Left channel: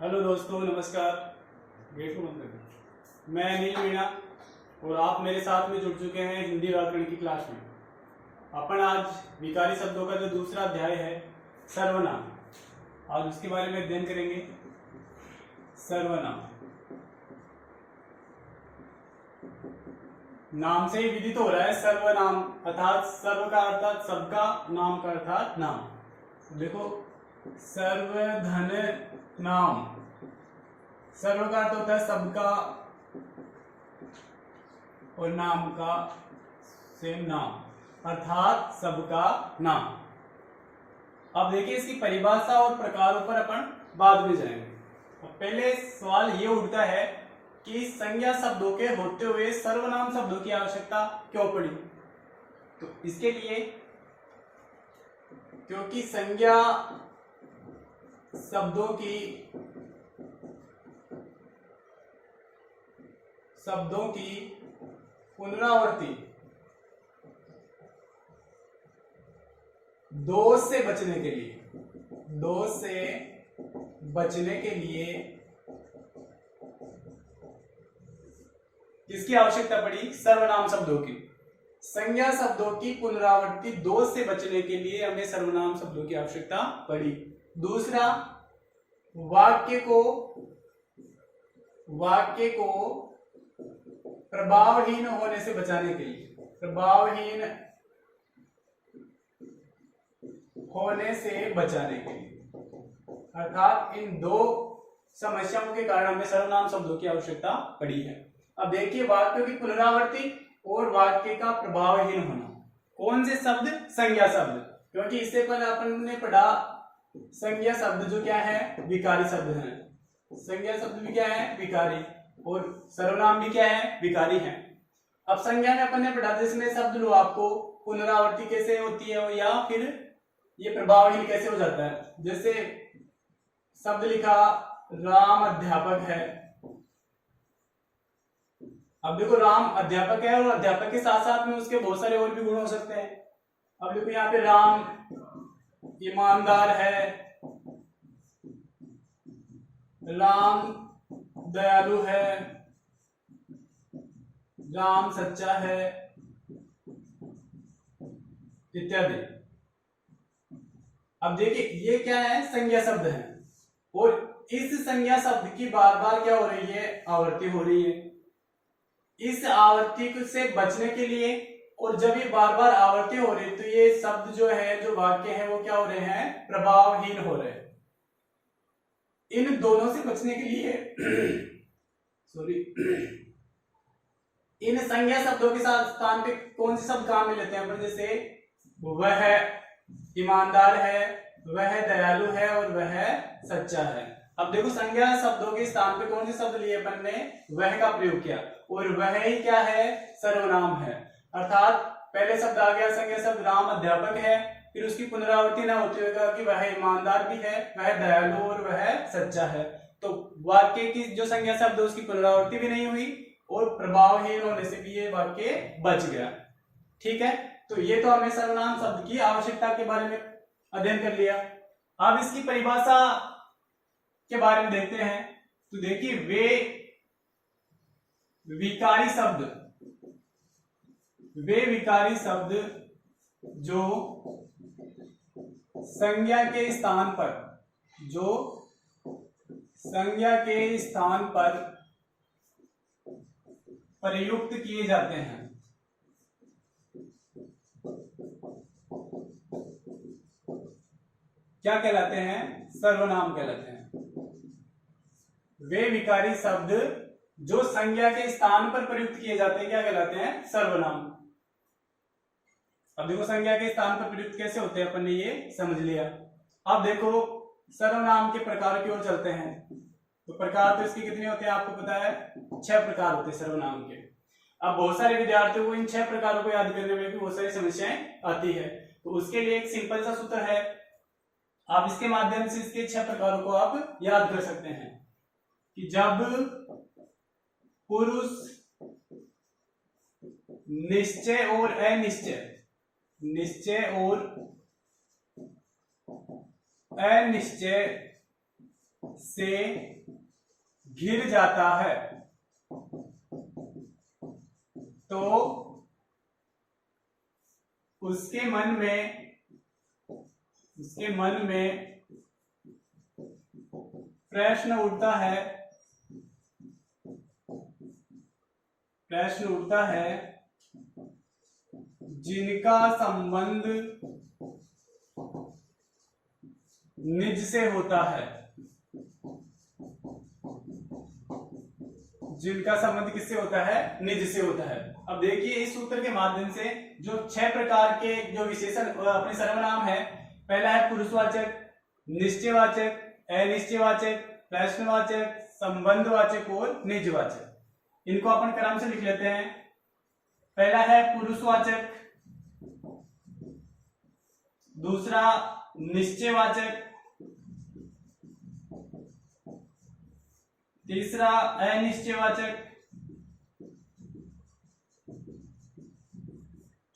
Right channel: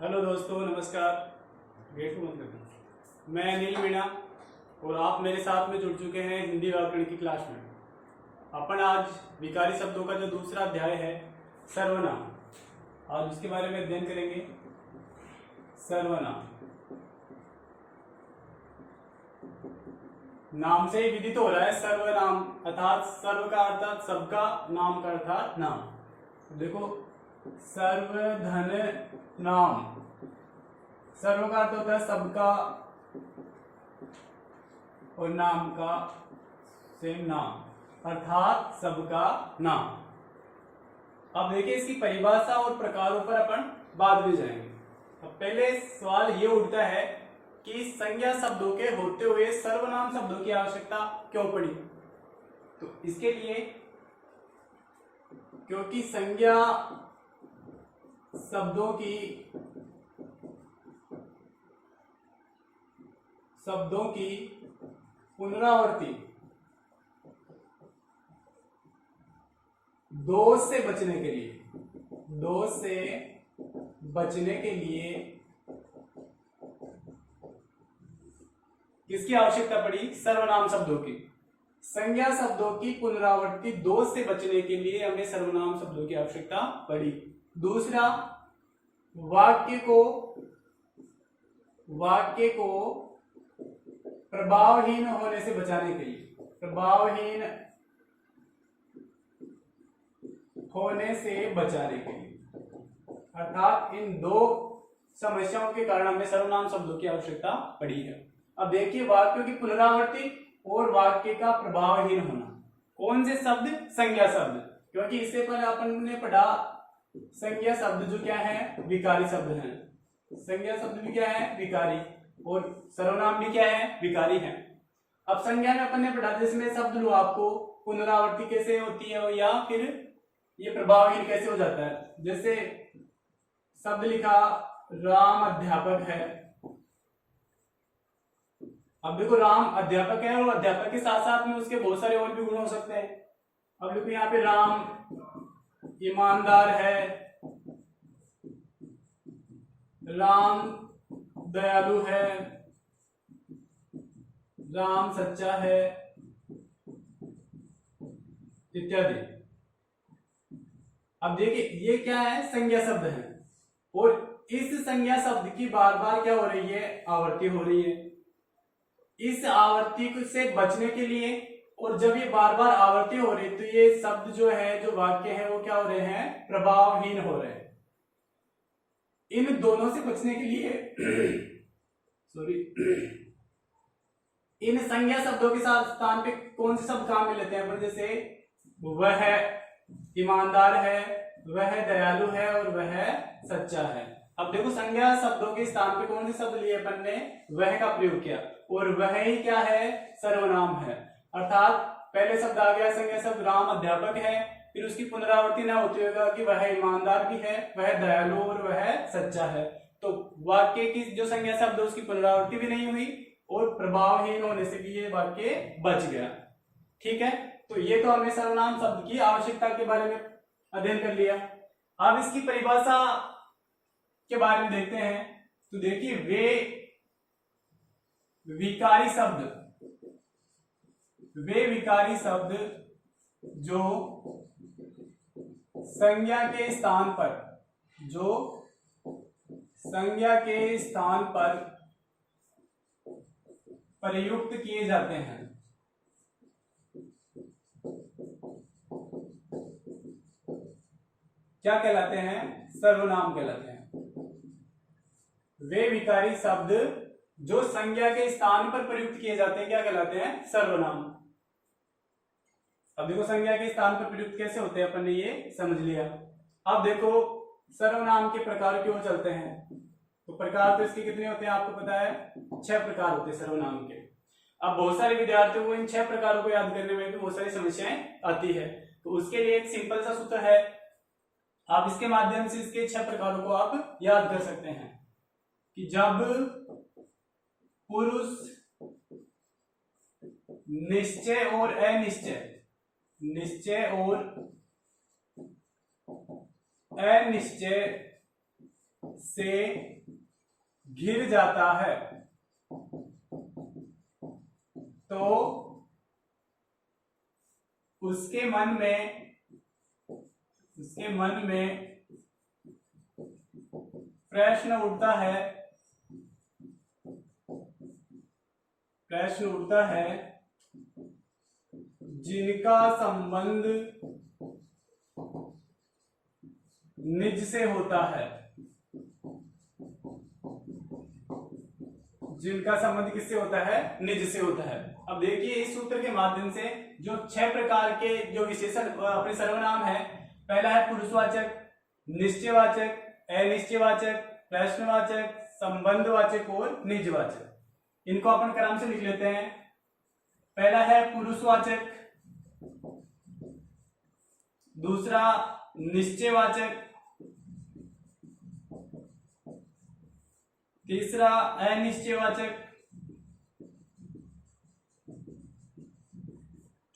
Hello दोस्तों, नमस्कार। Gate को मत करना। मैं अनिल मीणा और आप मेरे साथ में जुड़ चुके हैं हिंदी व्याकरण की क्लास में। अपन आज विकारी शब्दों का जो दूसरा अध्याय है सर्वनाम, आज उसके बारे में अध्ययन करेंगे। सर्वनाम नाम से ही विदित हो रहा है। सर्वनाम अर्थात सर्व का अर्थात सबका, नाम का अर्थात नाम। देखो, सर्वधन नाम, सर्व का अर्थ होता है सबका और नाम का सेम नाम अर्थात सबका नाम। अब देखिए, इसकी परिभाषा और प्रकारों पर अपन बाद में जाएंगे। अब पहले सवाल ये उठता है कि संज्ञा शब्दों के होते हुए सर्वनाम शब्दों की आवश्यकता क्यों पड़ी। तो इसके लिए, क्योंकि संज्ञा शब्दों की पुनरावृत्ति दोष से बचने के लिए किसकी आवश्यकता पड़ी? सर्वनाम शब्दों की। संज्ञा शब्दों की पुनरावृत्ति दोष से बचने के लिए हमें सर्वनाम शब्दों की आवश्यकता पड़ी। दूसरा, वाक्य को प्रभावहीन होने से बचाने के लिए, अर्थात इन दो समस्याओं के कारण हमें सर्वनाम शब्दों की आवश्यकता पड़ी है। अब देखिए, वाक्यों की पुनरावृत्ति और वाक्य का प्रभावहीन होना। कौन से शब्द? संज्ञा शब्द। क्योंकि इससे पहले अपन ने पढ़ा संज्ञा शब्द जो क्या है? विकारी शब्द है। संज्ञा शब्द भी क्या है? विकारी। और सर्वनाम भी क्या है? विकारी है। अब संज्ञा में अपन ने पढ़ा जिसमें शब्द लो आपको पुनरावृत्ति कैसे होती है या फिर ये प्रभावहीन कैसे हो जाता है। जैसे शब्द लिखा राम अध्यापक है। अब देखो, राम अध्यापक है और अध्यापक के साथ साथ में उसके बहुत सारे और भी गुण हो सकते हैं। अब देखो, यहाँ पे राम ईमानदार है, राम दयालु है, राम सच्चा है, इत्यादि। अब देखिए, ये क्या है? संज्ञा शब्द है और इस संज्ञा शब्द की बार बार क्या हो रही है? आवृत्ति हो रही है। इस आवृत्ति से बचने के लिए, और जब ये बार बार आवृत्ति हो रही है तो ये शब्द जो है, जो वाक्य है, वो क्या हो रहे हैं? प्रभावहीन हो रहे हैं। इन दोनों से बचने के लिए इन संज्ञा शब्दों के साथ स्थान पे कौन से शब्द काम में लेते हैं अपन? जैसे वह ईमानदार है, वह दयालु है और वह सच्चा है। अब देखो, संज्ञा शब्दों के स्थान पे कौन से शब्द लिए अपन ने? वह का प्रयोग किया और वह ही क्या है? सर्वनाम है। अर्थात पहले शब्द आ गया संज्ञा शब्द राम अध्यापक है, फिर उसकी पुनरावृत्ति न होती हुए कि वह ईमानदार भी है, वह दयालु और वह सच्चा है। तो वाक्य की जो संज्ञा शब्द है उसकी पुनरावृत्ति भी नहीं हुई और प्रभावहीन होने से भी ये वाक्य बच गया। ठीक है, तो ये तो हमें सर्वनाम शब्द की आवश्यकता के बारे में अध्ययन कर लिया। अब इसकी परिभाषा के बारे में देखते हैं। तो देखिए, वे विकारी शब्द जो संज्ञा के स्थान पर प्रयुक्त किए जाते हैं, क्या कहलाते हैं? सर्वनाम कहलाते हैं। वे विकारी शब्द जो संज्ञा के स्थान पर प्रयुक्त किए जाते हैं क्या कहलाते हैं? सर्वनाम। अब देखो, संज्ञा के स्थान पर प्रयुक्त कैसे होते हैं अपन ने ये समझ लिया। अब देखो, सर्वनाम के प्रकार की ओर चलते हैं। तो प्रकार तो इसके कितने होते हैं आपको पता है? 6 प्रकार होते हैं सर्वनाम के। अब बहुत सारे विद्यार्थियों को इन 6 प्रकारों को याद करने में भी बहुत सारी समस्याएं आती है। तो उसके लिए एक सिंपल सा सूत्र है, आप इसके माध्यम से इसके 6 प्रकारों को आप याद कर सकते हैं कि जब पुरुष निश्चय और अनिश्चय, निश्चय और अनिश्चय से घिर जाता है तो उसके मन में प्रश्न उठता है जिनका संबंध निज से होता है। जिनका संबंध किससे होता है? निज से होता है। अब देखिए इस सूत्र के माध्यम से जो 6 प्रकार के जो विशेषण अपने सर्वनाम है, पहला है पुरुषवाचक, निश्चयवाचक, अनिश्चयवाचक, प्रश्नवाचक, संबंधवाचक और निजवाचक। इनको अपन क्रम से लिख लेते हैं। पहला है पुरुषवाचक, दूसरा निश्चयवाचक, तीसरा अनिश्चयवाचक,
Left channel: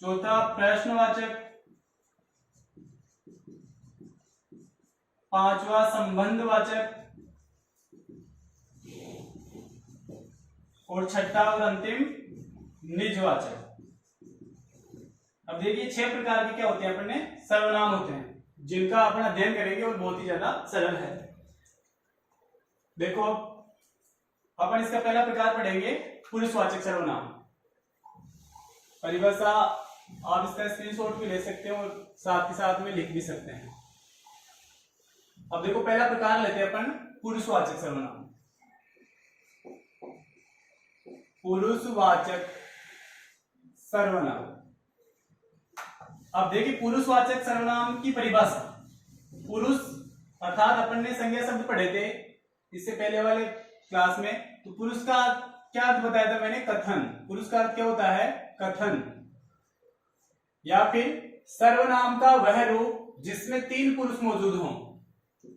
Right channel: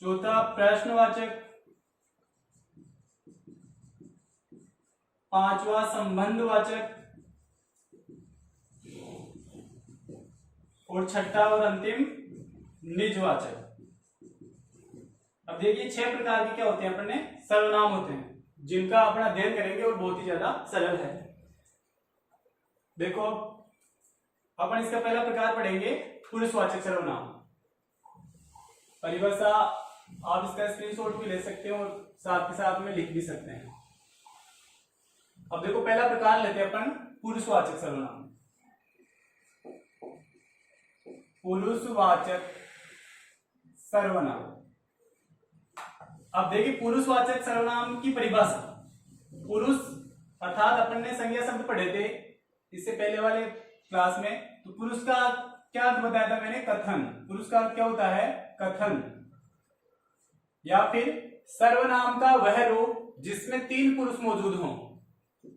चौथा प्रश्नवाचक, पांचवा संबंधवाचक और छठा और अंतिम निजवाचक। अब देखिए 6 प्रकार के क्या होते हैं अपने सर्वनाम होते हैं, जिनका अपन अध्ययन करेंगे और बहुत ही ज्यादा सरल है। देखो अपन इसका पहला प्रकार पढ़ेंगे पुरुषवाचक सर्वनाम। परिभाषा आप इसका स्क्रीनशॉट भी ले सकते हैं और साथ के साथ में लिख भी सकते हैं। अब देखो पहला प्रकार लेते हैं अपन पुरुषवाचक सर्वनाम। पुरुषवाचक सर्वनाम। अब देखिए पुरुषवाचक सर्वनाम की परिभाषा। पुरुष अर्थात अपन ने संज्ञा शब्द पढ़े थे इससे पहले वाले क्लास में, तो पुरुष का क्या अर्थ बताया था मैंने? कथन। पुरुष का अर्थ क्या होता है? कथन। या फिर सर्वनाम का वह रूप जिसमें 3 पुरुष मौजूद हों।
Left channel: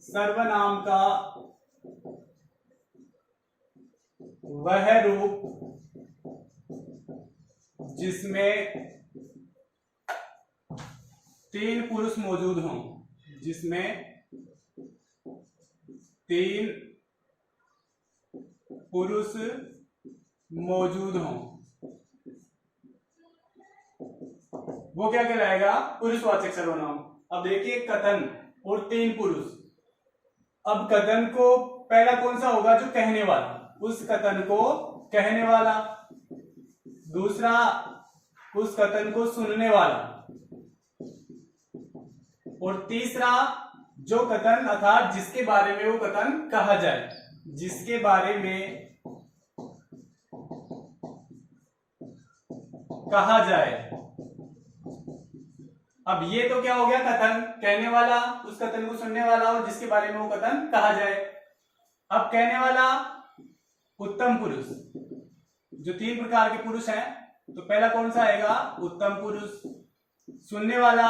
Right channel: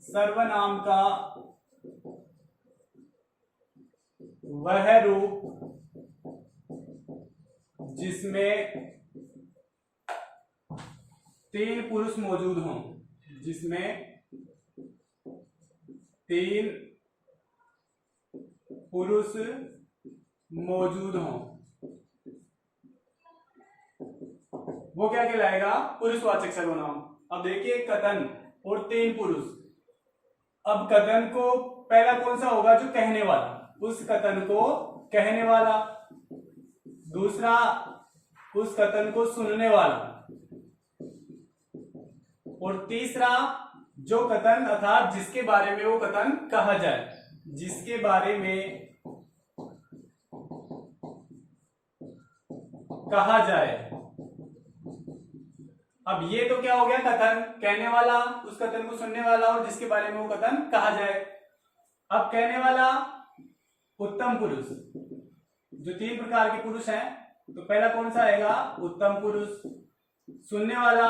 सर्वनाम का वह रूप जिसमें 3 पुरुष मौजूद हों, जिसमें 3 पुरुष मौजूद हों, वो क्या कहलाएगा? पुरुषवाचक सर्वनाम। अब देखिए कथन और 3 पुरुष। अब कथन को पहला कौन सा होगा? जो कहने वाला, उस कथन को कहने वाला। दूसरा उस कथन को सुनने वाला। और तीसरा जो कथन अर्थात जिसके बारे में वो कथन कहा जाए, जिसके बारे में कहा जाए। अब ये तो क्या हो गया? कथन, कहने वाला, उस कथन को सुनने वाला और जिसके बारे में वो कथन कहा जाए। अब कहने वाला उत्तम पुरुष। जो 3 प्रकार के पुरुष हैं, तो पहला कौन सा आएगा? उत्तम पुरुष। सुनने वाला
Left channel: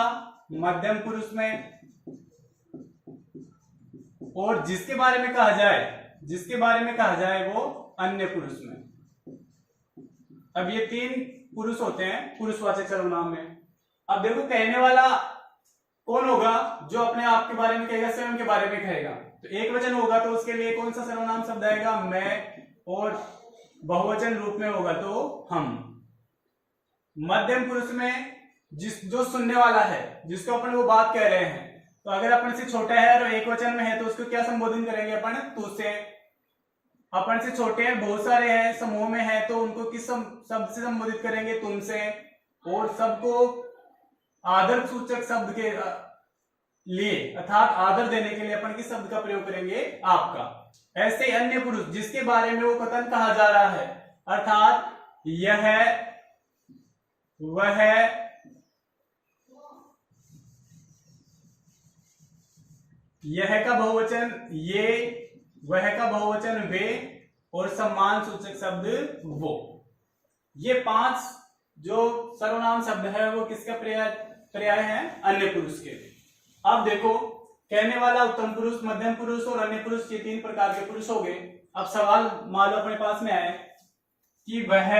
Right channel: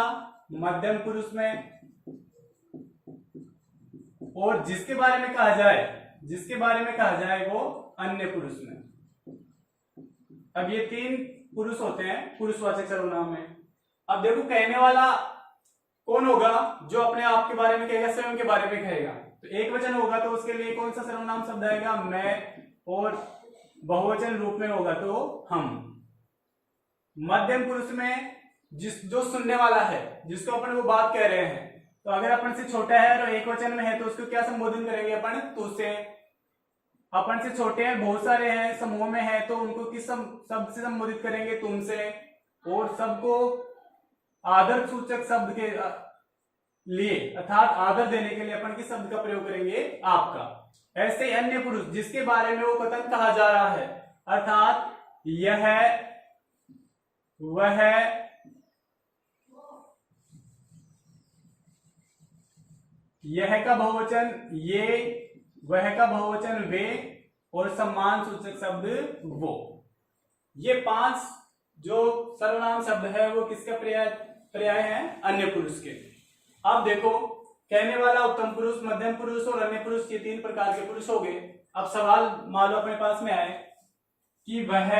मध्यम पुरुष में, और जिसके बारे में कहा जाए वो अन्य पुरुष में। अब ये 3 पुरुष होते हैं पुरुषवाचक सर्वनाम में। अब देखो कहने वाला कौन होगा? जो अपने आप के बारे में कहेगा, स्वयं के बारे में कहेगा। तो एक वचन होगा तो उसके लिए कौन सा सर्वनाम शब्द आएगा? मैं। और बहुवचन रूप में होगा तो हम। मध्यम पुरुष में जो सुनने वाला है, जिसको अपन वो बात कह रहे हैं, तो अगर अपन से छोटा है और एक वचन में है तो उसको क्या संबोधन करेंगे अपन? तू से। अपन से छोटे हैं, बहुत सारे हैं, समूह में है, तो उनको किस शब्द से संबोधित करेंगे? तुमसे। और सबको आदर सूचक शब्द के लिए अर्थात आदर देने के लिए अपन किस शब्द का प्रयोग करेंगे? आपका। ऐसे अन्य पुरुष जिसके बारे में वो कथन कहा जा रहा है, अर्थात यह, वह, यह का बहुवचन ये, वह का बहुवचन वे, और सम्मान सूचक शब्द वो। ये 5 जो सर्वनाम शब्द है वो किसका पर्याय है? अन्य पुरुष के। अब देखो कहने वाला उत्तम पुरुष, मध्यम पुरुष और अन्य पुरुष, ये 3 प्रकार के पुरुष हो गए। अब सवाल मान लो अपने पास में आए कि वह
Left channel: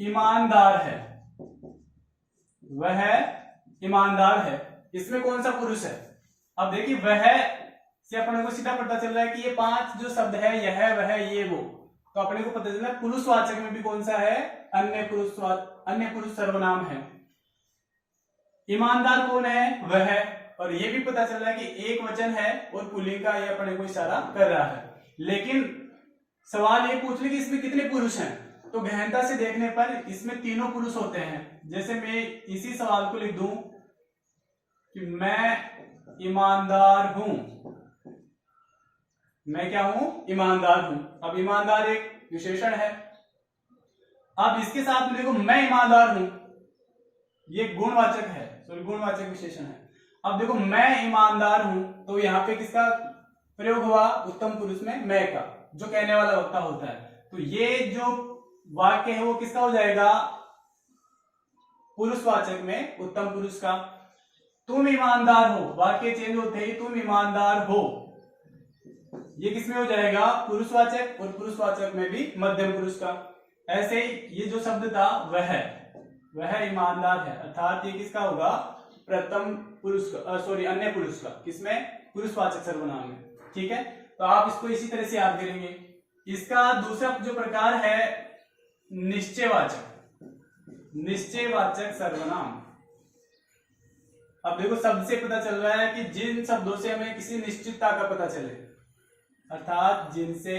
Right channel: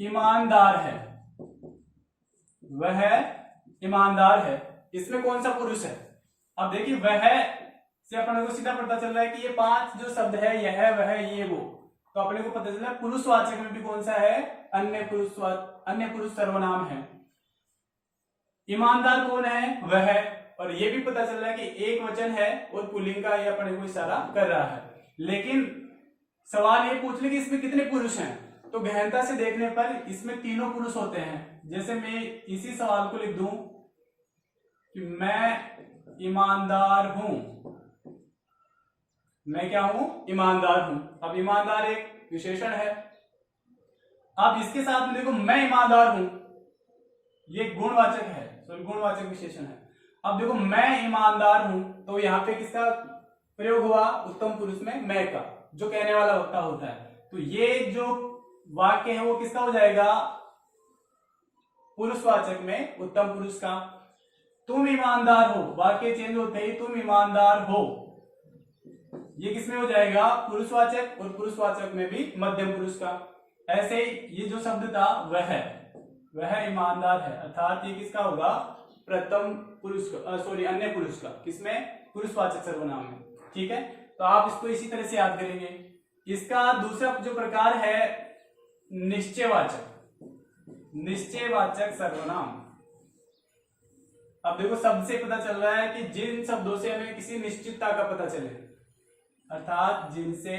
ईमानदार है, वह ईमानदार है, इसमें कौन सा पुरुष है? अब देखिए वह से अपने को सीधा पता चल रहा है कि ये 5 जो शब्द है, यह वह ये वो, तो अपने को पता चल रहा है पुरुषवाचक में भी कौन सा है, अन्य पुरुष सर्वनाम है। ईमानदार कौन है, वह है। और ये भी पता चल रहा है कि एक वचन है और पुल्लिंग का, ये अपने को इशारा कर रहा है। लेकिन सवाल ये पूछ ले कि इसमें कितने पुरुष हैं, तो गहनता से देखने पर इसमें तीनों पुरुष होते हैं। जैसे मैं इसी सवाल को लिख दूं कि मैं ईमानदार हूं, मैं क्या हूं, ईमानदार हूं। अब ईमानदार एक विशेषण है। अब इसके साथ में देखो मैं ईमानदार हूं, ये गुणवाचक है, सॉरी गुणवाचक विशेषण है। अब देखो मैं ईमानदार हूं, तो यहाँ पे किसका प्रयोग हुआ, उत्तम पुरुष में मैं का, जो कहने वाला वक्ता होता है। तो ये जो वाक्य है वो किसका हो जाएगा, पुरुषवाचक में उत्तम पुरुष का। तुम ईमानदार हो, वाक्य चेंज होते ही तुम ईमानदार हो, ये किसमें हो जाएगा, पुरुषवाचक, और पुरुषवाचक में भी मध्यम पुरुष का। ऐसे ही ये जो शब्द था वह ईमानदार है, अर्थात ये किसका होगा, प्रथम पुरुष का, सॉरी अन्य पुरुष का, किसमें, पुरुषवाचक सर्वनाम में। ठीक है, तो आप इसको इसी तरह से याद करेंगे। इसका दूसरा जो प्रकार है निश्चयवाचक सर्वनाम। अब देखो शब्द से पता चल रहा है कि जिन शब्दों से हमें किसी निश्चितता का पता चले, अर्थात जिनसे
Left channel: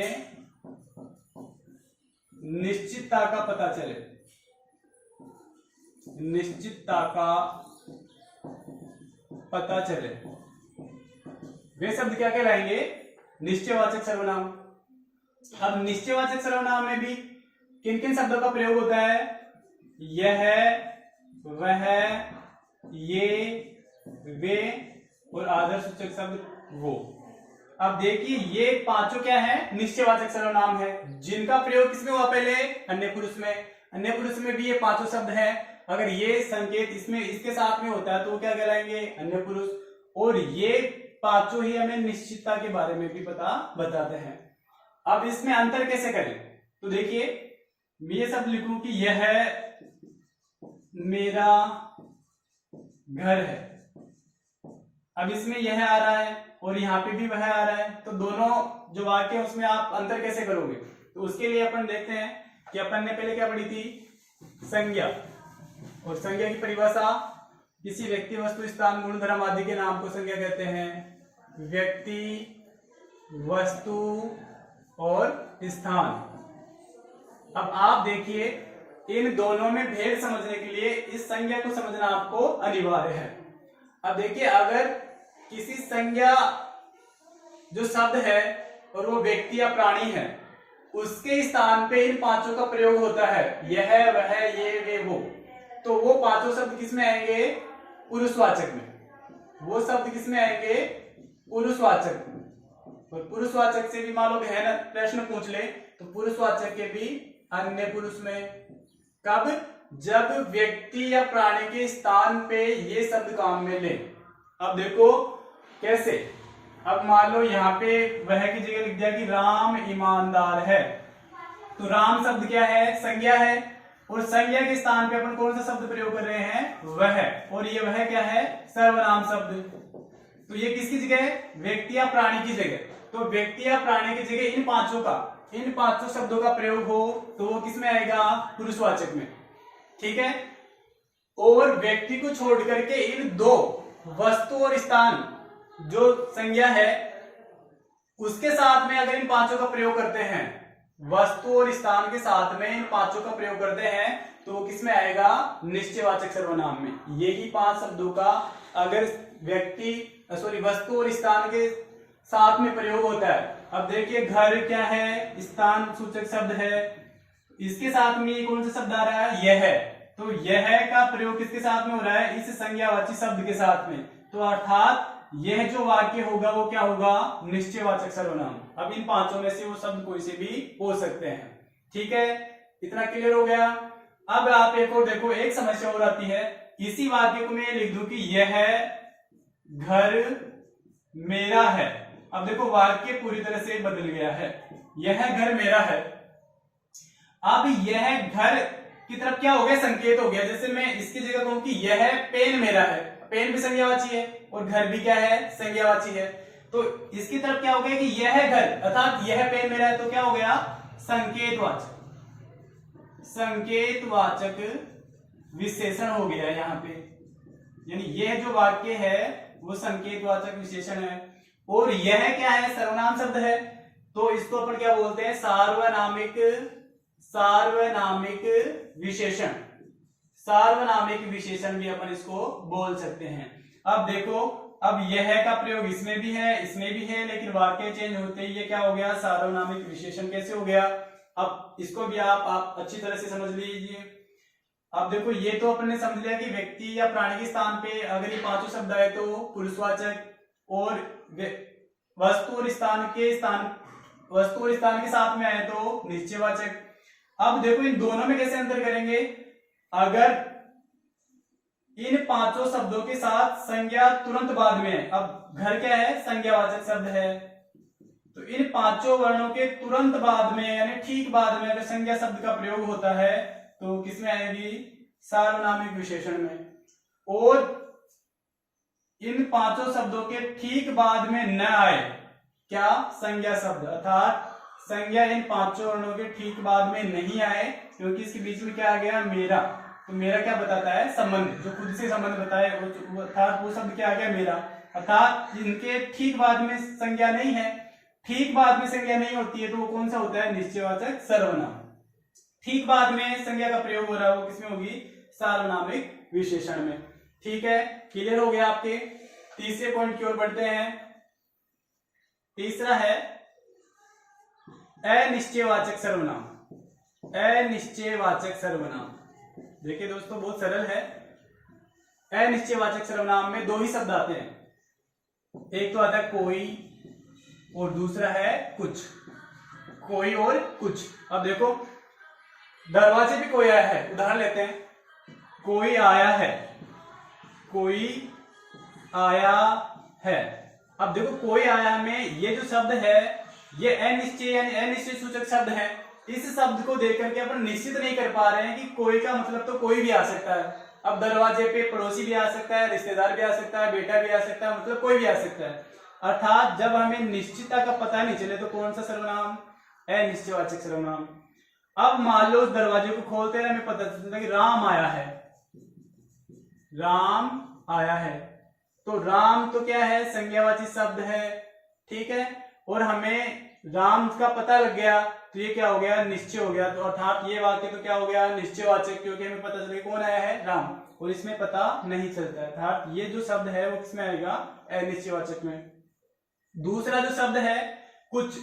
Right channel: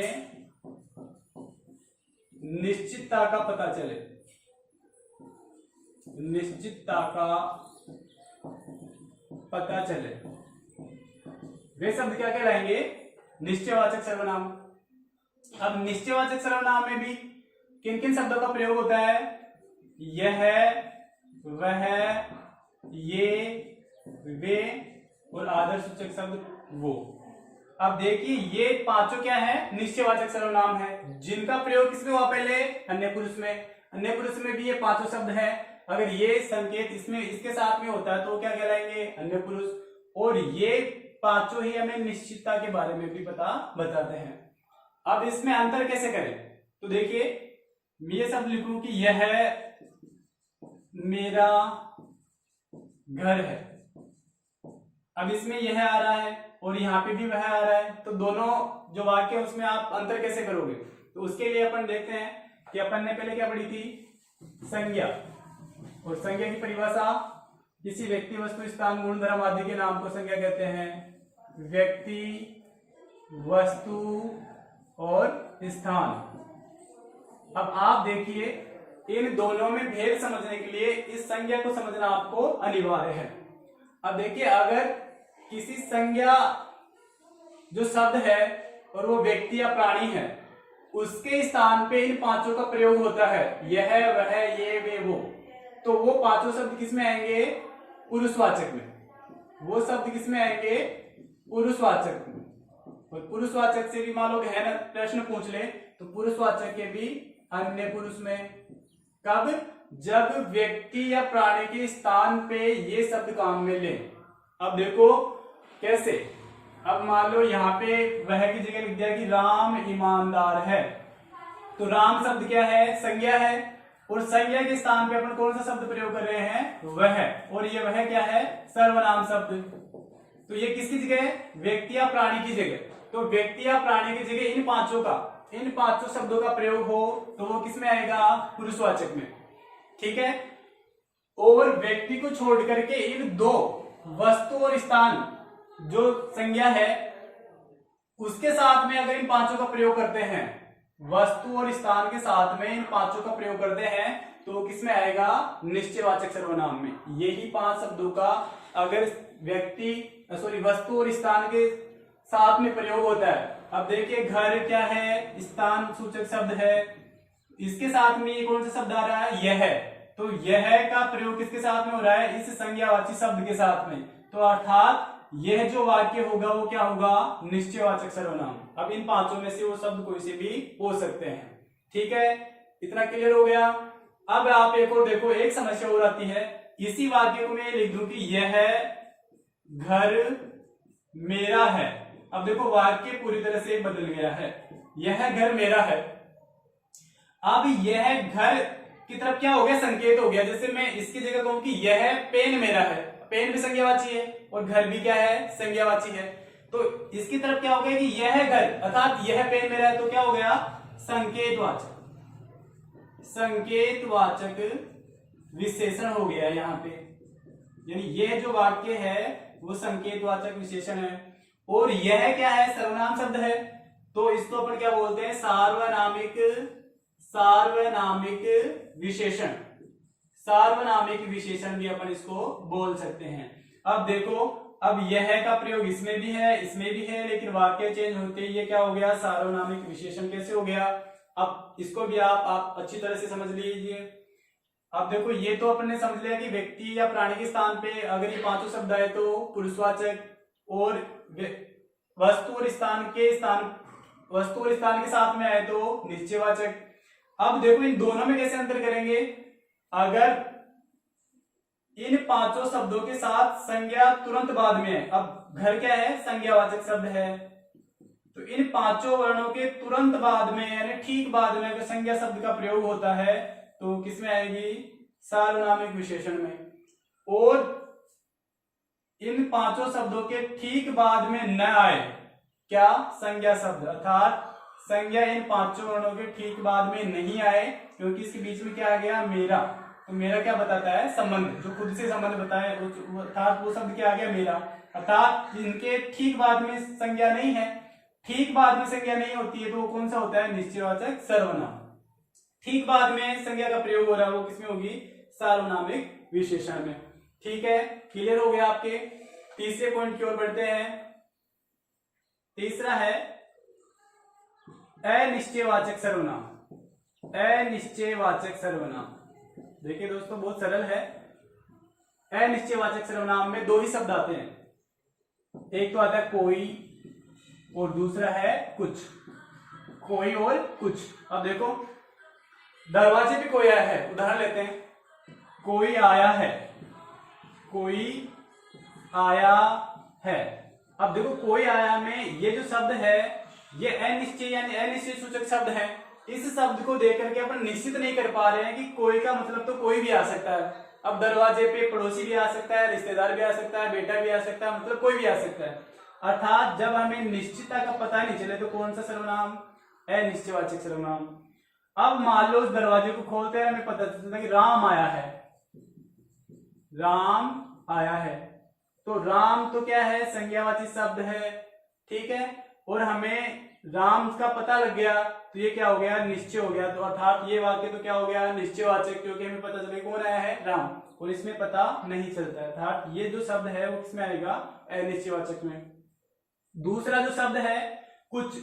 निश्चितता का पता चले, निश्चितता का पता चले, वे शब्द क्या कहलाएंगे, निश्चयवाचक सर्वनाम। अब निश्चयवाचक सर्वनाम में भी किन किन शब्दों का प्रयोग होता है, यह, वह, ये, वे और आदर्शसूचक शब्द वो। अब देखिए ये पांचों क्या है, निश्चयवाचक सर्वनाम है, जिनका प्रयोग किसमें हुआ, पहले अन्य पुरुष में। अन्य पुरुष में भी ये पांचों शब्द है। अगर ये संकेत इसमें इसके साथ में होता है तो क्या कहलाएंगे, अन्य पुरुष। और ये पांचों ही हमें निश्चितता के बारे में भी बताते हैं। अब इसमें अंतर कैसे करें, तो देखिए मैं ये सब लिखूं कि यह मेरा घर है। अब इसमें यह आ रहा है और यहाँ पे भी वह आ रहा है, तो दोनों जो वाक्य है उसमें आप अंतर कैसे करोगे, तो उसके लिए अपन देखते हैं कि अपन ने पहले क्या पढ़ी थी, संज्ञा। और संज्ञा की परिभाषा, किसी व्यक्ति, वस्तु, स्थान, गुण, धर्म आदि के नाम को संज्ञा कहते हैं। व्यक्ति, वस्तु और स्थान। अब आप देखिए इन दोनों में भेद समझने के लिए इस संज्ञा को समझना आपको अनिवार्य है। अब देखिए अगर किसी संज्ञा जो शब्द है और वो व्यक्ति या प्राणी है, उसके स्थान पे इन पांचों का प्रयोग होता है, यह, वह, ये, वे, वो, तो वो पांचों शब्द किसमें आएंगे, पुरुषवाचक में। वो शब्द किसमें आएंगे, पुरुषवाचक में। और पुरुषवाचक से भी मान लो गहन प्रश्न पूछ ले तो पुरुषवाचक के भी अन्य पुरुष में। कब, जब व्यक्ति या प्राणी के स्थान पे ये शब्द काम में ले। अब देखो कैसे, अब मान लो यहाँ पे वह की जगह लिख दिया कि राम ईमानदार है, तो राम शब्द क्या है, संज्ञा है, और संज्ञा के स्थान पे अपन कौन सा शब्द प्रयोग कर रहे हैं, वह। और ये वह क्या है, सर्वनाम शब्द। तो ये किसकी जगह है, व्यक्ति या प्राणी की जगह। तो व्यक्ति या प्राणी की जगह इन पांचों शब्दों का प्रयोग हो तो वो किसमें आएगा, पुरुषवाचक में। ठीक है, और व्यक्ति को छोड़ करके इन दो, वस्तु और स्थान, जो संज्ञा है उसके साथ में अगर इन पांचों का प्रयोग करते हैं, वस्तु और स्थान के साथ में इन पांचों का प्रयोग करते हैं, तो वो किसमें आएगा, निश्चयवाचक सर्वनाम में। यही पांच शब्दों का अगर वस्तु और स्थान के साथ में प्रयोग होता है। अब देखिए घर क्या है, स्थान सूचक शब्द है, इसके साथ में कौन सा शब्द आ रहा है, यह। तो यह का प्रयोग किसके साथ में हो रहा है, इस संज्ञावाची शब्द के साथ में। तो अर्थात यह जो वाक्य होगा वो क्या होगा, निश्चयवाचक सर्वनाम। अब इन पांचों में से वो शब्द कोई से भी हो सकते हैं। ठीक है, इतना क्लियर हो गया। अब आप एक और देखो, एक समस्या और आती है, इसी वाक्य को मैं लिख दूं कि यह घर मेरा है। अब देखो वाक्य पूरी तरह से बदल गया है, यह घर मेरा है। अब यह घर की तरफ क्या हो गया, संकेत हो गया। जैसे मैं इसकी जगह कहूं कि यह पेन मेरा है, पेन भी संज्ञावाची है और घर भी क्या है, संज्ञावाची है। तो इसकी तरफ क्या हो गया कि यह घर, अर्थात यह पेन मेरा है, तो क्या हो गया संकेतवाचक, संकेतवाचक विशेषण हो गया यहाँ पे, यानी यह जो वाक्य है वो संकेतवाचक विशेषण है। और यह क्या है, सर्वनाम शब्द है, तो इसको अपन क्या बोलते हैं, सार्वनामिक, सार्वनामिक विशेषण, सार्वनामिक विशेषण भी अपन इसको बोल सकते हैं। अब देखो, अब यह का प्रयोग इसमें भी है, इसमें भी है, लेकिन वाक्य चेंज होते ही ये क्या हो गया, सार्वनामिक विशेषण कैसे हो गया। अब इसको भी आप अच्छी तरह से समझ लीजिए। अब देखो, ये तो अपन ने समझ लिया कि व्यक्ति या प्राणी के स्थान पे अगर ये पांचों शब्द आए तो पुरुषवाचक, और वस्तु और स्थान के साथ में आए तो निश्चयवाचक। अब देखो, इन दोनों में कैसे अंतर करेंगे, अगर इन पांचों शब्दों के साथ संज्ञा तुरंत बाद में है, अब घर क्या है, संज्ञावाचक शब्द है, तो इन पांचों वर्णों के तुरंत बाद में यानी ठीक बाद में अगर संज्ञा शब्द का प्रयोग होता है तो किसमें आएगी, सार्वनामिक विशेषण में। और इन पांचों शब्दों के ठीक बाद में न आए क्या, संज्ञा शब्द, अर्थात संज्ञा इन पांचों वर्णों के ठीक बाद में नहीं आए, क्योंकि इसके बीच में क्या आ गया, मेरा। तो मेरा क्या बताता है, संबंध, जो खुद से संबंध बताए, अर्थात वो शब्द क्या आ गया, मेरा। अर्थात इनके ठीक बाद में संज्ञा नहीं है, ठीक बाद में संज्ञा नहीं होती है तो वो कौन सा होता है, निश्चयवाचक सर्वनाम। ठीक बाद में संज्ञा का प्रयोग हो रहा है वो किसमें होगी, सार्वनामिक विशेषण में। ठीक है, क्लियर हो गया आपके। तीसरे पॉइंट की ओर बढ़ते हैं। तीसरा है अनिश्चयवाचक सर्वनाम, अनिश्चयवाचक सर्वनाम। देखिए दोस्तों, बहुत सरल है। अनिश्चयवाचक सर्वनाम में दो ही शब्द आते हैं, एक तो आता है कोई और दूसरा है कुछ, कोई और कुछ। अब देखो, दरवाजे पे कोई आया है, उदाहरण लेते हैं, कोई आया है, कोई आया है। अब देखो, कोई आया में ये जो शब्द है ये अनिश्चय यानी अनिश्चय सूचक शब्द है। इस शब्द को देख करके अपन निश्चित नहीं कर पा रहे हैं कि कोई का मतलब तो कोई भी आ सकता है। अब दरवाजे पे पड़ोसी भी आ सकता है, रिश्तेदार भी आ सकता है, बेटा भी आ सकता है, मतलब कोई भी आ सकता है। अर्थात जब हमें निश्चितता का पता नहीं चले तो कौन सा सर्वनाम, अनिश्चयवाचक सर्वनाम। अब मान लो उस दरवाजे को खोलते हैं, हमें पता चलता है कि राम आया है, राम आया है, तो राम तो क्या है, संज्ञावाची शब्द है, ठीक है। और हमें राम का पता लग गया तो ये क्या हो गया, निश्चय हो गया। तो अर्थात ये वाक्य तो क्या हो गया, निश्चयवाचक, क्योंकि हमें पता चले कौन आया है, राम, और इसमें पता नहीं चलता है। अर्थात ये जो शब्द है वो किसमें आएगा, अनिश्चयवाचक में। दूसरा जो शब्द है कुछ,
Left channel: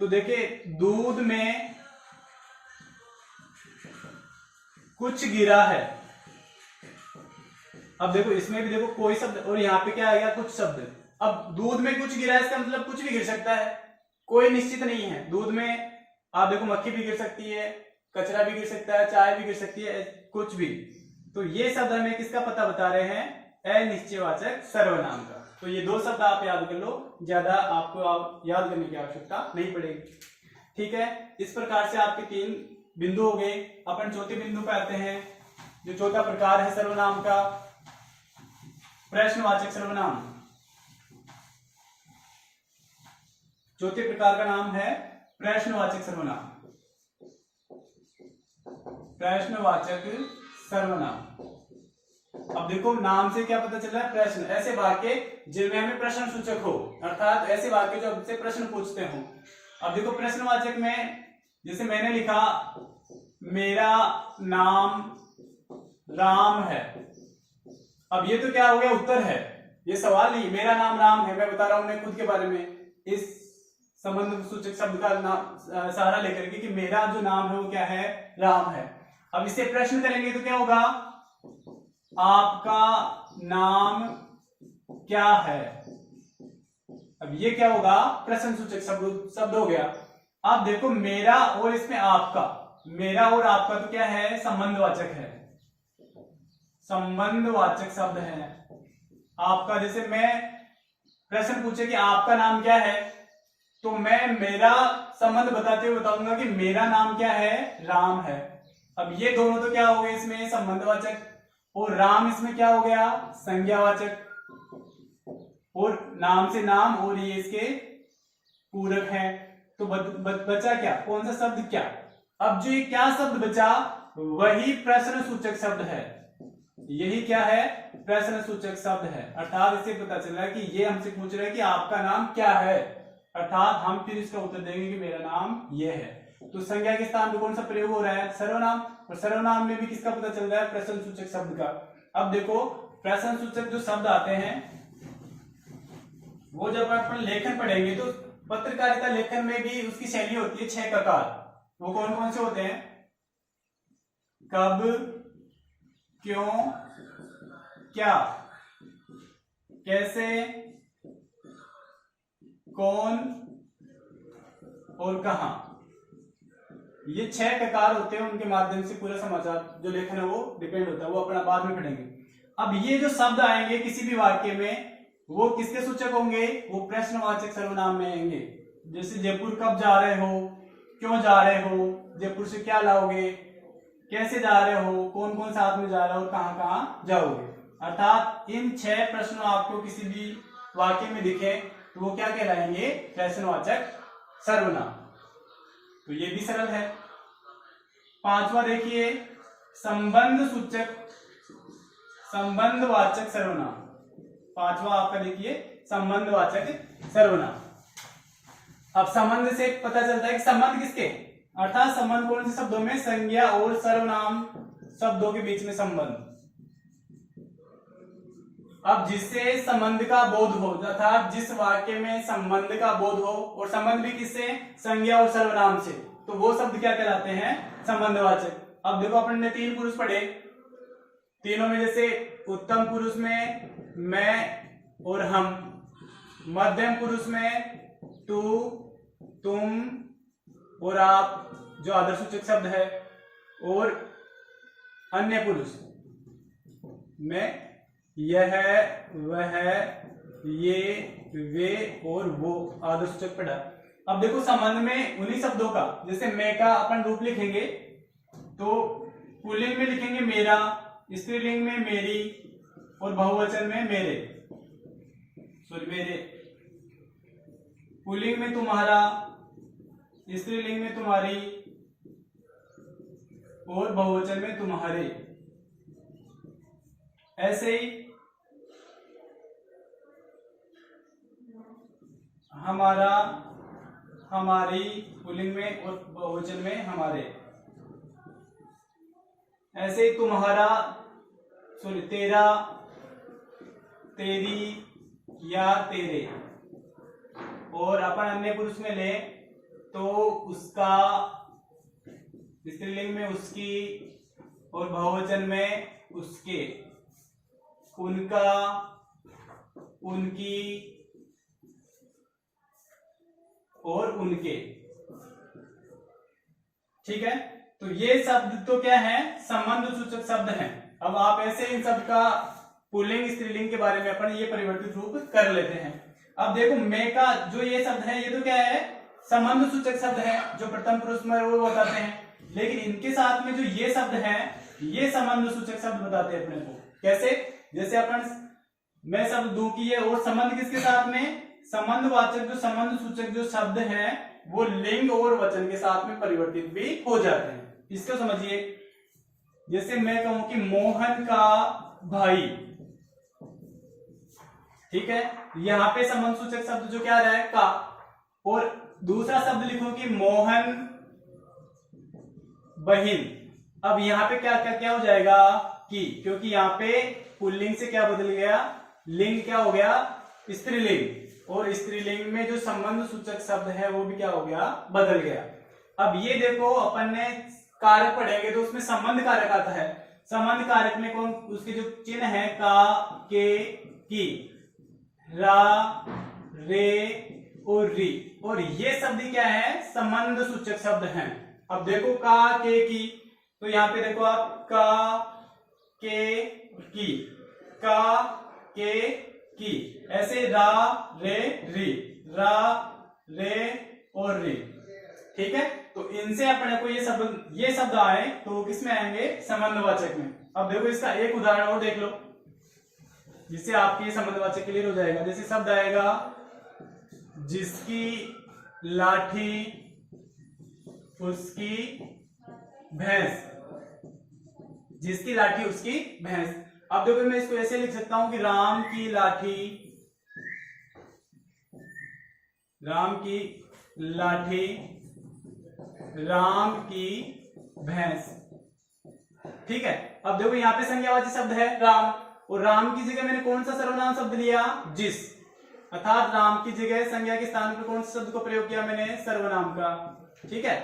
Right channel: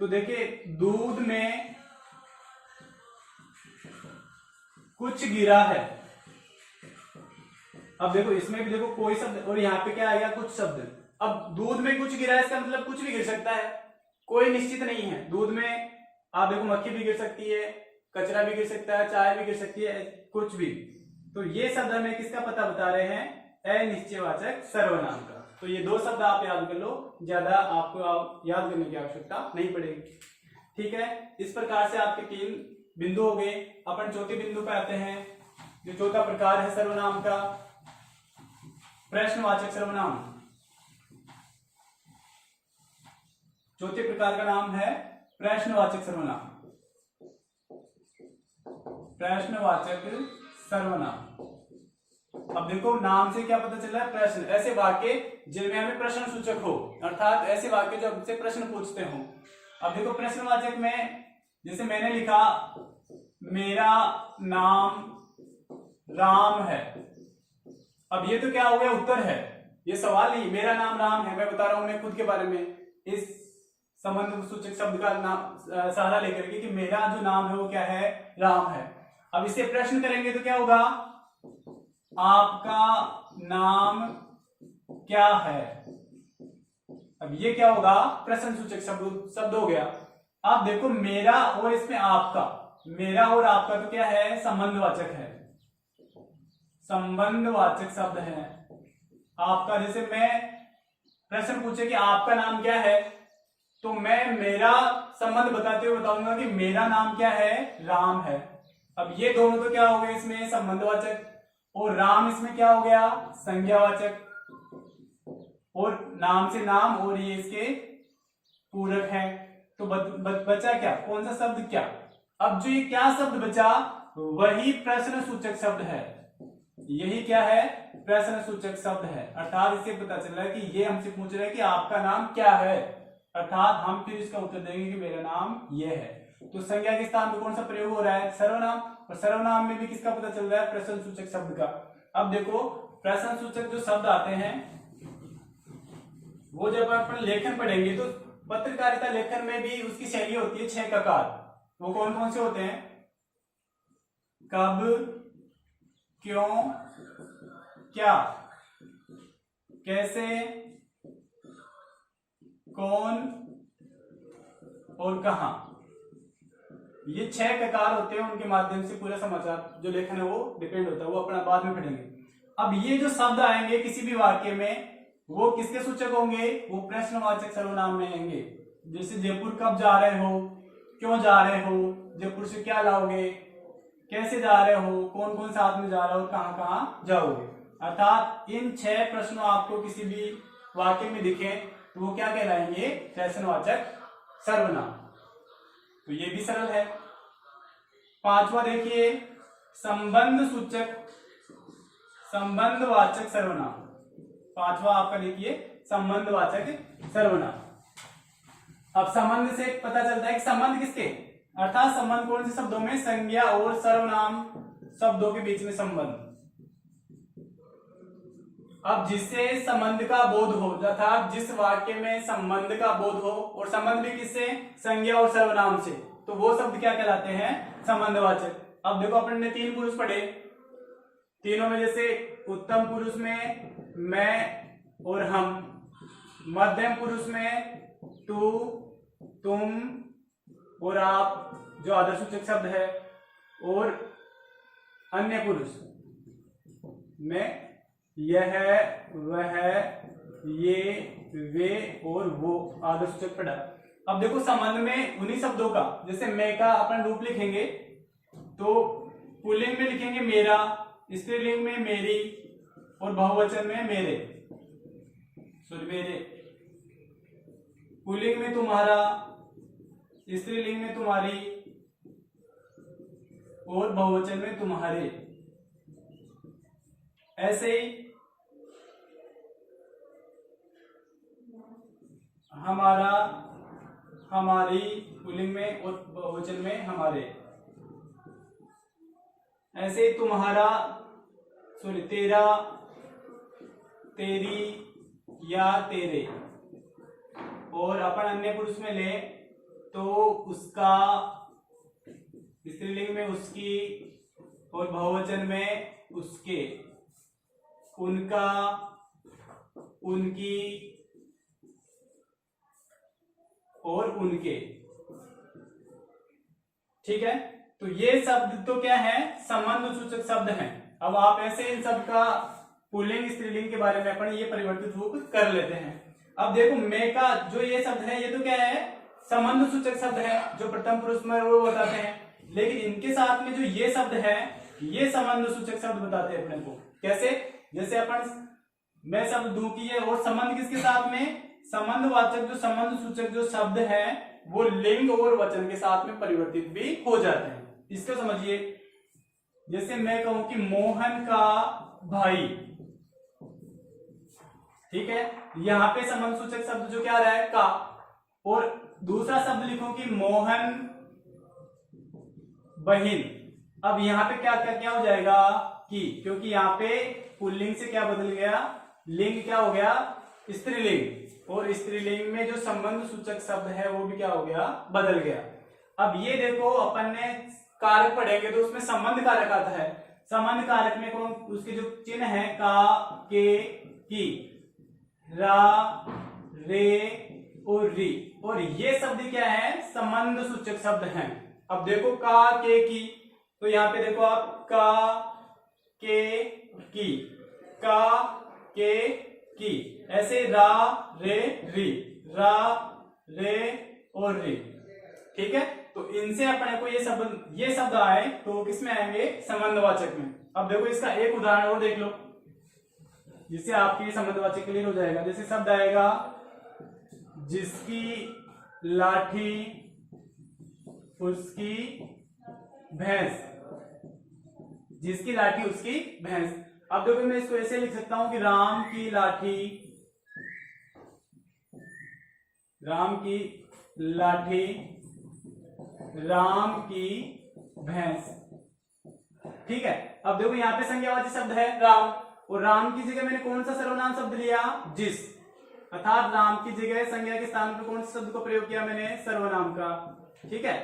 तो देखिए, दूध में कुछ गिरा है। अब देखो, इसमें भी देखो कोई शब्द और यहाँ पे क्या आएगा, कुछ शब्द। अब दूध में कुछ गिरा है, इसका मतलब कुछ भी गिर सकता है, कोई निश्चित नहीं है। दूध में आप देखो मक्खी भी गिर सकती है, कचरा भी गिर सकता है, चाय भी गिर सकती है, कुछ भी। तो ये शब्द हमें किसका पता बता रहे हैं, अनिश्चयवाचक सर्वनाम का। तो ये दो शब्द आप याद कर लो, ज्यादा आपको याद करने की आवश्यकता नहीं पड़ेगी। ठीक है, इस प्रकार से आपके 3 बिंदु हो गए। अपन चौथे बिंदु पे आते हैं। जो चौथा प्रकार है सर्वनाम का, प्रश्नवाचक सर्वनाम। चौथे प्रकार का नाम है प्रश्नवाचक सर्वनाम, प्रश्नवाचक सर्वनाम। अब देखो, नाम से क्या पता चल रहा है, प्रश्न, ऐसे वाक्य जिनमें हमें प्रश्न सूचक हो, अर्थात ऐसे वाक्य जो हमसे प्रश्न पूछते हो। अब देखो, प्रश्नवाचक में जैसे मैंने लिखा, मेरा नाम राम है। अब ये तो क्या हो गया, उत्तर है, ये सवाल नहीं, मेरा नाम राम है, मैं बता रहा हूं मैं खुद के बारे में, इस संबंध सूचक शब्द का नाम सहारा लेकर के कि मेरा जो नाम है वो क्या है, राम है। अब इसे प्रश्न करेंगे तो क्या होगा, आपका नाम क्या है। अब ये क्या होगा, प्रश्न सूचक शब्द हो गया। अब देखो, मेरा और इसमें आपका, मेरा और आपका तो क्या है, संबंधवाचक है, संबंधवाचक शब्द है। आपका, जैसे मैं प्रश्न पूछे कि आपका नाम क्या है, तो मैं मेरा संबंध बताते हुए बताऊंगा कि मेरा नाम क्या है, राम है। अब ये दोनों तो क्या हो गए इसमें, संबंधवाचक, और राम इसमें क्या हो गया, संज्ञावाचक। और नाम से नाम और ये इसके पूरक है। तो बचा क्या, कौन सा शब्द क्या? अब जो ये क्या शब्द बचा वही प्रश्न सूचक शब्द है। यही क्या है, प्रश्न सूचक शब्द है। अर्थात इससे पता चल रहा है कि ये हमसे पूछ रहे हैं कि आपका नाम क्या है, अर्थात हम फिर इसका उत्तर देंगे कि मेरा नाम ये है। तो संज्ञा के स्थान पर कौन सा प्रयोग हो रहा है, सर्वनाम, और सर्वनाम में भी किसका पता चल रहा है, प्रश्न सूचक शब्द का। अब देखो प्रश्न सूचक जो शब्द आते हैं वो जब अपन लेखन पढ़ेंगे तो पत्रकारिता लेखन में भी उसकी शैली होती है 6 प्रकार। वो कौन कौन से होते हैं, कब, क्यों, क्या, कैसे, कौन और कहां। ये 6 प्रकार होते हैं, उनके माध्यम से पूरा समाचार जो लेखन है वो डिपेंड होता है, वो अपना बाद में पढ़ेंगे। अब ये जो शब्द आएंगे किसी भी वाक्य में वो किसके सूचक होंगे, वो प्रश्नवाचक सर्वनाम में आएंगे। जैसे जयपुर कब जा रहे हो, क्यों जा रहे हो, जयपुर से क्या लाओगे, कैसे जा रहे हो, कौन कौन साथ में जा रहे हो और कहां कहां जाओगे। अर्थात इन 6 प्रश्नों आपको किसी भी वाक्य में दिखे तो वो क्या कहलाएंगे, प्रश्नवाचक सर्वनाम। तो ये भी सरल है। 5वां देखिए, संबंध सूचक संबंधवाचक सर्वनाम। 5वां आपका देखिए संबंधवाचक सर्वनाम। अब संबंध से पता चलता है कि संबंध किसके, अर्थात संबंध कौन से शब्दों में, संज्ञा और सर्वनाम शब्दों के बीच में संबंध। अब जिससे संबंध का बोध हो, अर्थात जिस वाक्य में संबंध का बोध हो, और संबंध भी किससे, संज्ञा और सर्वनाम से, तो वो शब्द क्या कहलाते हैं, संबंधवाचक। अब देखो अपन ने 3 पुरुष पढ़े, तीनों में जैसे उत्तम पुरुष में मैं और हम, मध्यम पुरुष में तू, तुम और आप जो आदर्शसूचक शब्द है, और अन्य पुरुष में यह, वह, ये, वे और वो आदर्शसूचक पढ़ा। अब देखो संबंध में उन्हीं शब्दों का, जैसे मैं का अपन रूप लिखेंगे तो पुल्लिंग में लिखेंगे मेरा, स्त्रीलिंग में मेरी और बहुवचन में मेरे, सॉरी मेरे। पुल्लिंग में तुम्हारा, स्त्रीलिंग में तुम्हारी और बहुवचन में तुम्हारे। ऐसे ही हमारा, हमारी पुल्लिंग में और बहुवचन में हमारे। ऐसे ही तुम्हारा, सॉरी तेरा, तेरी या तेरे। और अपन अन्य पुरुष में ले तो उसका, स्त्रीलिंग में उसकी और बहुवचन में उसके, उनका, उनकी और उनके। ठीक है, तो ये शब्द तो क्या है, संबंध सूचक शब्द हैं। अब आप ऐसे इन शब्द का पुल्लिंग स्त्रीलिंग के बारे में अपन ये परिवर्तित रूप कर लेते हैं। अब देखो मैं का जो ये शब्द है ये तो क्या है, संबंध सूचक शब्द है, जो प्रथम पुरुष में वो बताते हैं। लेकिन इनके साथ में जो ये शब्द है ये संबंध सूचक शब्द बताते हैं अपने को। कैसे, जैसे अपन मैं शब्द दूं कि ये, और संबंध किसके साथ में, संबंधवाचक जो संबंध सूचक जो शब्द है वो लिंग और वचन के साथ में परिवर्तित भी हो जाते हैं। इसको समझिए, जैसे मैं कहूं कि मोहन का भाई, ठीक है, यहां पे संबंध सूचक शब्द जो क्या आ रहा है, का। और दूसरा शब्द लिखो कि मोहन बहिन। अब यहां पे क्या क्या क्या हो जाएगा, कि, क्योंकि यहां पे पुल्लिंग से क्या बदल गया, लिंग क्या हो गया, स्त्रीलिंग। और स्त्रीलिंग में जो संबंध सूचक शब्द है वो भी क्या हो गया, बदल गया। अब ये देखो अपन ने कारक पढ़ेंगे तो उसमें संबंध कारक आता है। संबंध कारक में कौन, उसके जो चिन्ह है का, के, की, रा, रे और री, और ये शब्द क्या है, संबंध सूचक शब्द हैं। अब देखो का, के, की, तो यहाँ पे देखो आप का, के, की, का, के, की। ऐसे रा, रे, री, रा, रे और री। ठीक है, तो इनसे अपने को ये शब्द आए तो किसमें आएंगे, संबंधवाचक में। अब देखो इसका एक उदाहरण और देख लो। जिससे आपके संबंधवाचक क्लियर हो जाएगा। जैसे शब्द आएगा जिसकी लाठी उसकी भैंस, जिसकी लाठी उसकी भैंस। अब देखो मैं इसको ऐसे लिख सकता हूं कि राम की लाठी, राम की लाठी राम की भैंस। ठीक है, अब देखो यहाँ पे संज्ञावाची शब्द है राम, और राम की जगह मैंने कौन सा सर्वनाम शब्द लिया, जिस, अर्थात राम की जगह संज्ञा के स्थान पर कौन से शब्द को प्रयोग किया मैंने, सर्वनाम का। ठीक है,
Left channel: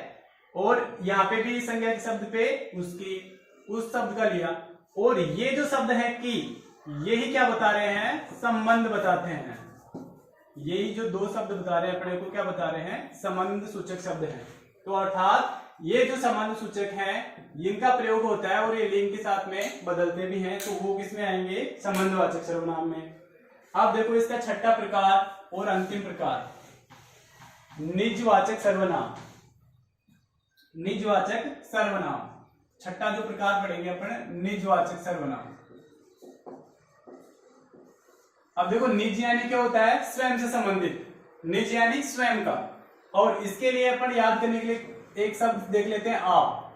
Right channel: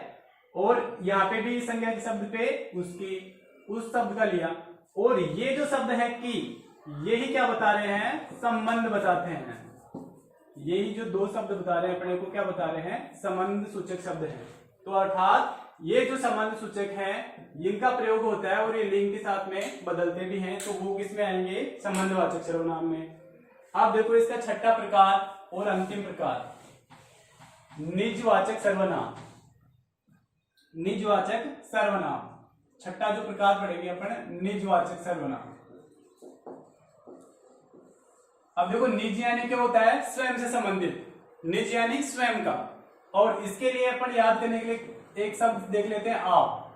और यहाँ पे भी संज्ञा के शब्द पे उसकी, उस शब्द का लिया। और ये जो शब्द है कि, यही क्या बता रहे हैं, संबंध बताते हैं। यही जो दो शब्द बता रहे हैं अपने को क्या बता रहे हैं, संबंध सूचक शब्द है। तो अर्थात ये जो संबंध सूचक है इनका प्रयोग होता है और ये लिंग के साथ में बदलते भी हैं, तो वो किसमें आएंगे, संबंधवाचक सर्वनाम में। अब देखो इसका छठा प्रकार और अंतिम प्रकार, निजवाचक सर्वनाम। निजवाचक सर्वनाम, छठा जो प्रकार पढ़ेंगे अपन, निजवाचक सर्वनाम। अब देखो निज यानी क्या होता है, स्वयं से संबंधित, निज यानी स्वयं का। और इसके लिए अपन याद करने के लिए एक शब्द देख लेते हैं, आप।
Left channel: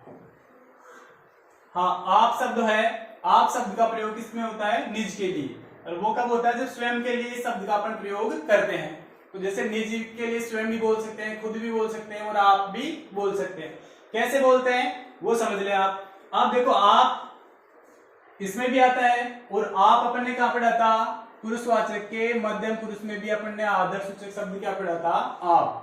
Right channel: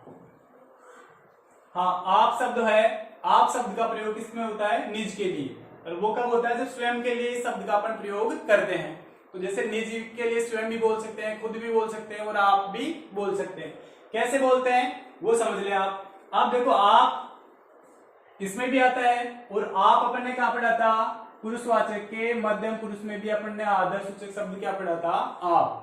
हाँ, आप शब्द है, आप शब्द का प्रयोग किसमें होता है, निज के लिए। और वो कब होता है, जब स्वयं के लिए शब्द का अपन प्रयोग करते हैं। तो जैसे निज के लिए स्वयं भी बोल सकते हैं, खुद भी बोल सकते हैं, और आप भी बोल सकते हैं। कैसे बोलते हैं वो समझ लें आप। आप देखो, आप इसमें भी आता है, और आप अपन ने कहा पढ़ा था, पुरुषवाचक के मध्यम पुरुष में भी अपन ने आदर्श सूचक शब्द क्या पढ़ा था, आप।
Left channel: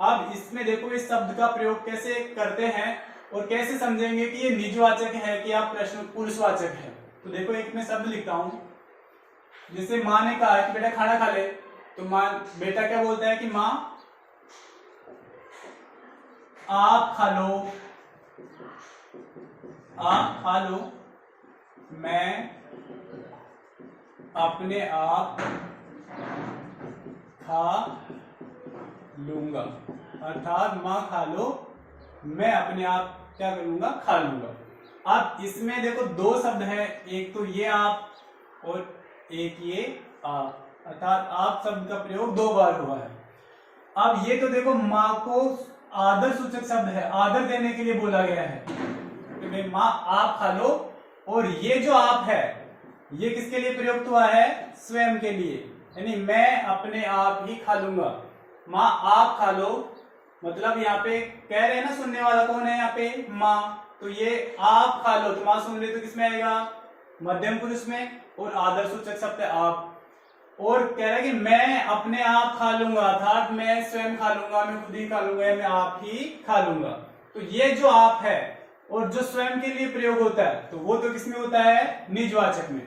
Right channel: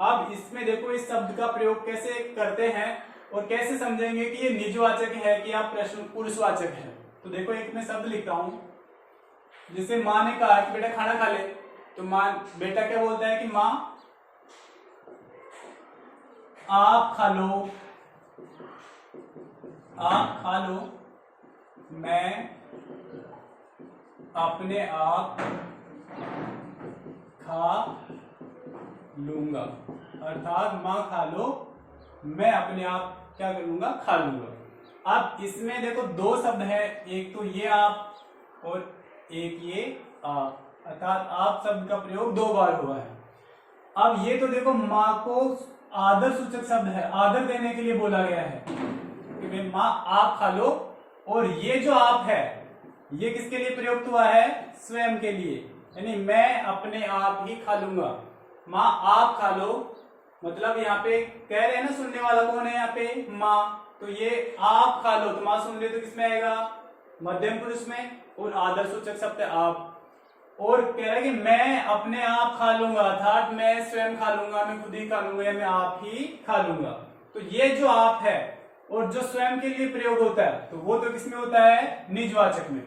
अब इसमें देखो इस शब्द का प्रयोग कैसे करते हैं और कैसे समझेंगे कि ये निजवाचक है कि आप प्रश्न पुरुषवाचक है। तो देखो एक मैं शब्द लिखता हूं, जैसे माँ ने कहा कि बेटा खाना खा ले, तो माँ, बेटा क्या बोलता है कि माँ आप खा लो, आप खा लो, मैं अपने आप खा लूंगा। अर्थात माँ खा लो, मैं अपने आप क्या करूंगा, खा लूंगा। अब इसमें देखो दो शब्द है, एक तो ये आप और एक ये आप, अर्थात आप शब्द का प्रयोग दो बार हुआ है। अब ये तो देखो माँ को आदर सूचक शब्द है, आदर देने के लिए बोला गया है कि माँ आप खा लो, और ये जो आप है ये किसके लिए प्रयुक्त हुआ है, स्वयं के लिए, यानी मैं अपने आप ही खा लूंगा। माँ आप खा लो मतलब यहाँ पे कह रहे हैं ना, सुनने वाला कौन है यहाँ पे, माँ। तो ये आप खा लो, तो माँ सुन रही तो किसमें आएगा, मध्यम पुरुष में, और आदर सूचक शब्द है आप। और कह रहे हैं कि मैं अपने आप खा लूंगा, अर्थात मैं स्वयं खा लूंगा, मैं खुद ही खा लूंगा, या मैं आप ही खा लूंगा। तो ये जो आप है और जो स्वयं के लिए प्रयोग होता है, तो वो तो किसमें होता है, निजवाचक में।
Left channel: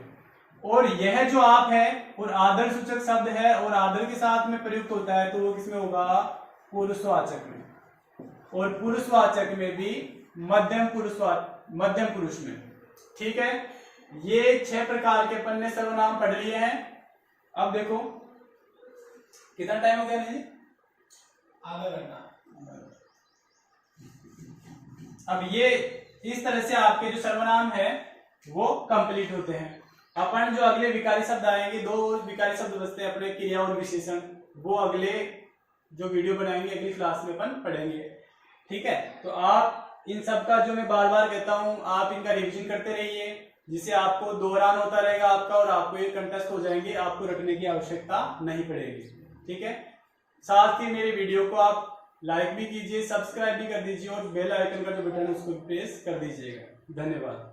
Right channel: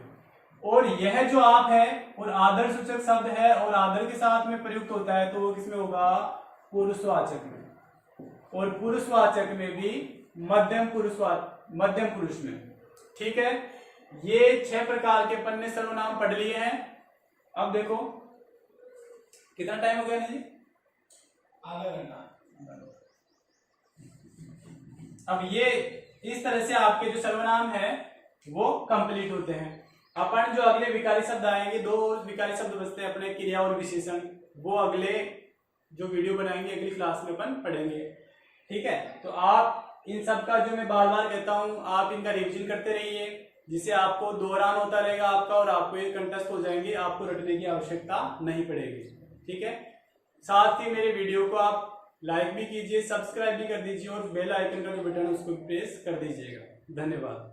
और यह जो आप है और आदर सूचक शब्द है और आदर के साथ में प्रयुक्त होता है, तो वो किसमें होगा, पुरुषवाचक में। और पुरुषवाचक में भी मध्यम पुरुष में। ठीक है, ये 6 प्रकार के अपन ने सर्वनाम पढ़ लिए हैं। अब देखो कितना टाइम हो गया जी, आधा घंटा। अब ये इस तरह से आपके जो सर्वनाम है वो कंप्लीट होते हैं। अपन जो अगले विकारी शब्द आएंगे, 2 विकारी शब्द बचते हैं अपने, क्रिया और विशेषण, वो अगले जो वीडियो बनाएंगे अगली क्लास में अपन पढ़ेंगे। ठीक है, तो आप इन सब का जो मैं बार बार कहता हूं, आप इनका रिवीजन करते रहिए, जिससे आपको दोहरान होता रहेगा आपका, और आपको ये कंटेस्ट हो जाएंगे, आपको रटने की आवश्यकता नहीं पड़ेगी। ठीक है, साथ ही मेरे वीडियो को आप लाइक भी कीजिए, सब्सक्राइब भी कर दीजिए, और बेल आइकन का जो बटन है उसको प्रेस कर दीजिएगा। धन्यवाद।